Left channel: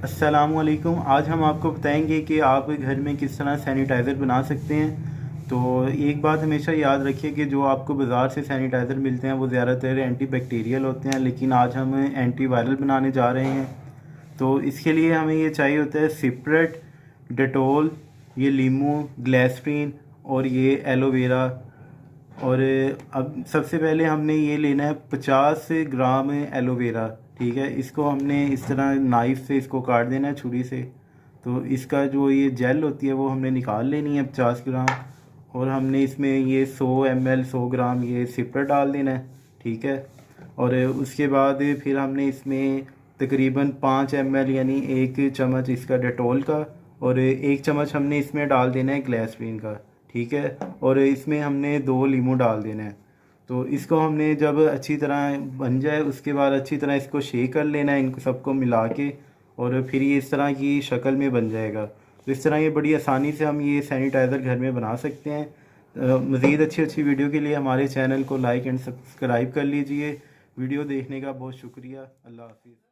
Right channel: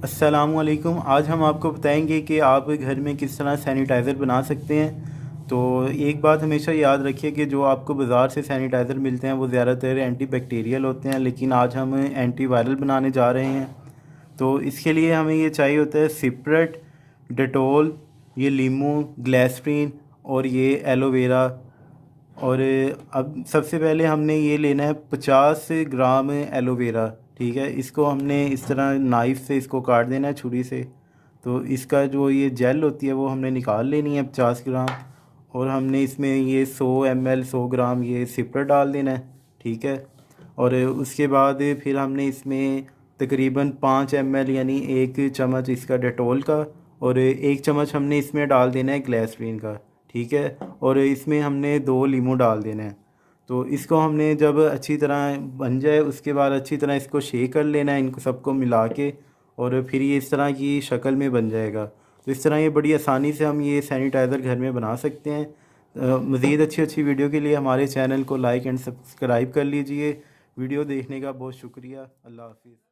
अस्सलामुअलैकुम। आज हम आपको बताएंगे कि आप घर में किस तरह सैनिटाइज़र बना सकते हैं। तो एक बात हमेशा याद रखिए कि जो आपको बाज़ार से सैनिटाइज़र मिलते हैं वो ज़्यादातर एंटी बैक्टीरियल होते हैं, लेकिन आज हम एंटी वायरल बनाने जा रहे हैं। तो इसके लिए हमें ये चाहिए होता है सिपरेट, डेटोल, ये लीमू, ग्लिसरीन और ये एलोवेरा। और अब सबसे पहले हमने ये लेना है 50 ग्राम एलोवेरा। ठीक है, इसको हमने इस तरह नाइफ़ से इसको काट देना है, छुरी से। तो इसका जो ये जेल होती है वो हमने निकाल लेनी है 50 ग्राम। और हमने इसमें ये 100 ml 100 ग्राम ये सिपर डाल देना है। ठीक है, और उसके बाद फिर हमने इसमें तकरीबन 5 ml यानी 1 चम्मच इसका डेटोल का, और 1 चम्मच हमने इसमें डाल देना है ग्लिसरीन का। ठीक है, और इसमें हमने 2 लीमू डाल देना है। तो इसको हमने जब अच्छी तरह बन जाए उसके बाद अच्छी तरह इसको शेक कर लेना है, इनको सबको मिला के, और फिर ये इस तरह की शक्ल में बन जाएगा। तो इस तरह ये बड़ी आसानी से हम ये सैनिटाइज़र घर में बना सकते हैं। मज़ीद अच्छी अच्छी वीडियो के लिए हमारे चैनल को लाइक एंड सब्सक्राइब कर लीजिए। वीडियो देखने का बहुत शुक्रिया। अल्लाह हाफिज़।